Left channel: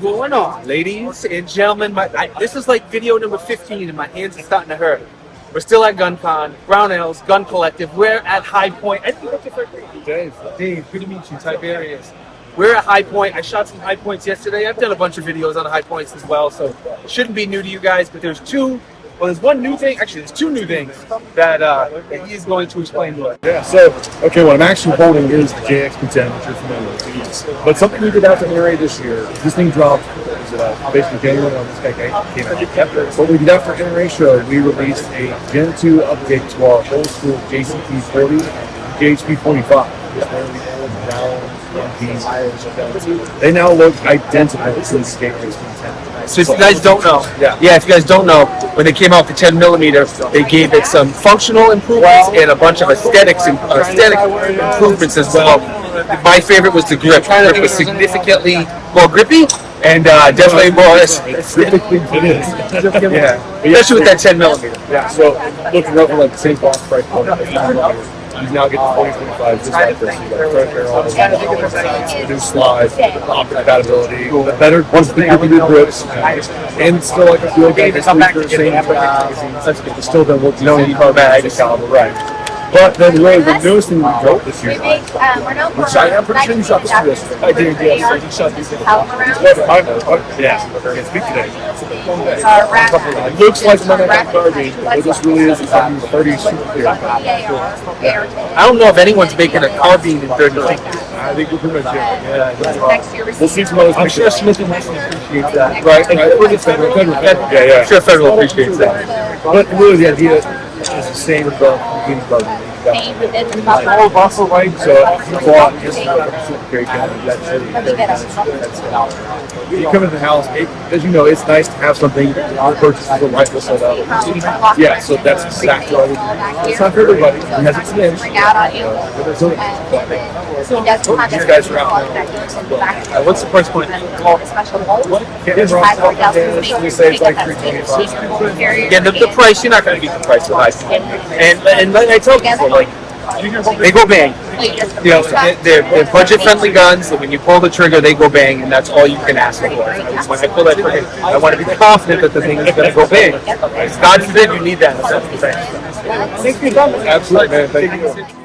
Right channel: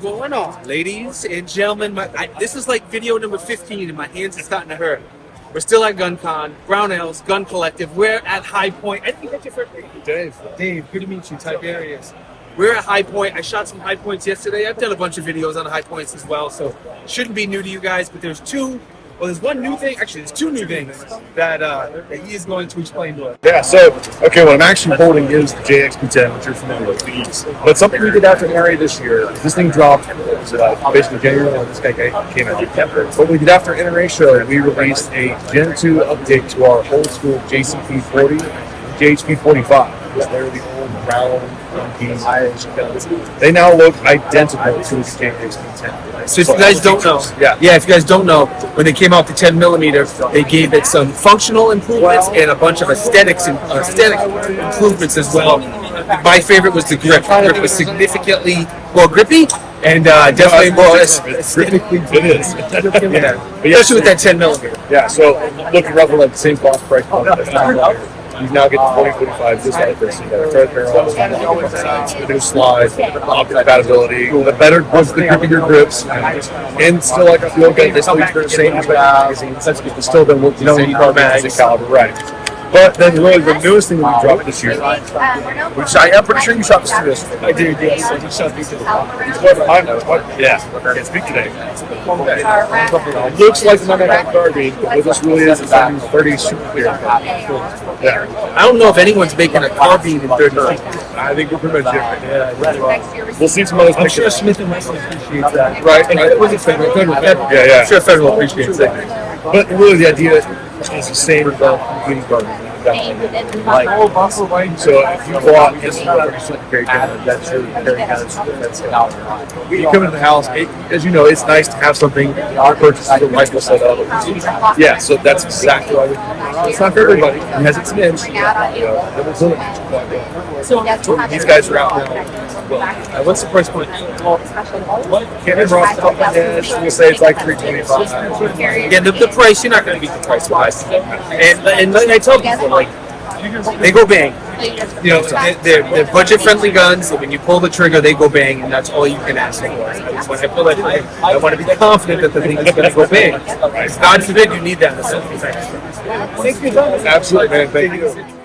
going on, ladies and gentlemen? This is like video number 15, and my hands are starting to hurt. We're still at GunCon, Brownells, Gun Collective. We're at Hi-Point. I didn't get your first name. Dave. Dave, good to meet you. Tiberious. We're at Hi-Point. I shot some Hi-Points yesterday. I've done a bunch of videos on Hi-Points as well, so it shouldn't be new to you guys. But there's one new thing. Actually, there's two new things that he is going to explain to us. Yeah, so, okay, what I'm actually holding is the JXP10, which you're familiar with. But something we did after NRA this year, this thing dropped, basically January 1, this guy came out. What we did after NRA show, we released a Gen 2 update to our old school JCP 40 and JHP 45. They're the old round one-piece Irish guns. They now look identical to the JXP10. So if you guys don't know, if you guys don't know, when they came out the 10mm, they gave it some functional improvements and a bunch of aesthetic improvements as well. My favorite was the grip. The grip was significantly more grippy and definitely more aesthetic. It is. Yeah, especially with that 10mm. Yeah, so looking roughly like the same cost price point as $9. You now get the 40-45 just like this. You got a thread barrel, the new slide, the optic compatibility, the better was the grippier grips, and still like a field gun. Basically, you're the same magazines. That's good. You still don't look the same carbine, same caliber, right? But then really the newest thing that we dropped this year, which I'm pretty sure you shot this too yesterday. I did, yes. I did shot these. Yeah, I can't speak today. It looks like the 99 carbine, but what this really is our new 30 super clear carbine. Cool. Yeah. I don't know if anyone's making a carbine in 30 feet. I think we're pretty much it right now. We'll see some others. I'm sure Smith and Wesson appreciates that. Right. We're federal. Yeah. I'm sure federal appreciates that. But really, the idea is the same as our community carbine. So if you bought into a super carry gun, that's your carry gun, that's gun. You come into the house, as you know, it's nice to have something you purchase a rifle set up. Yeah, so that's exactly what I would do. It's not for everybody. It has its niche. These guys are out now. What's the price point? Can't remember off the top of my head. We'll say it's like $325. Yeah, the price, you're not going to beat the price with Hi-Point. And like I tell people, like, they go bang. You know, they're budget-friendly guns, and when you pull the trigger, they go bang, and that's all you can ask for. When I pull that trigger, I want to be confident that the thing is going to go bang. God forbid you need that in something. Absolutely, man. Thank you.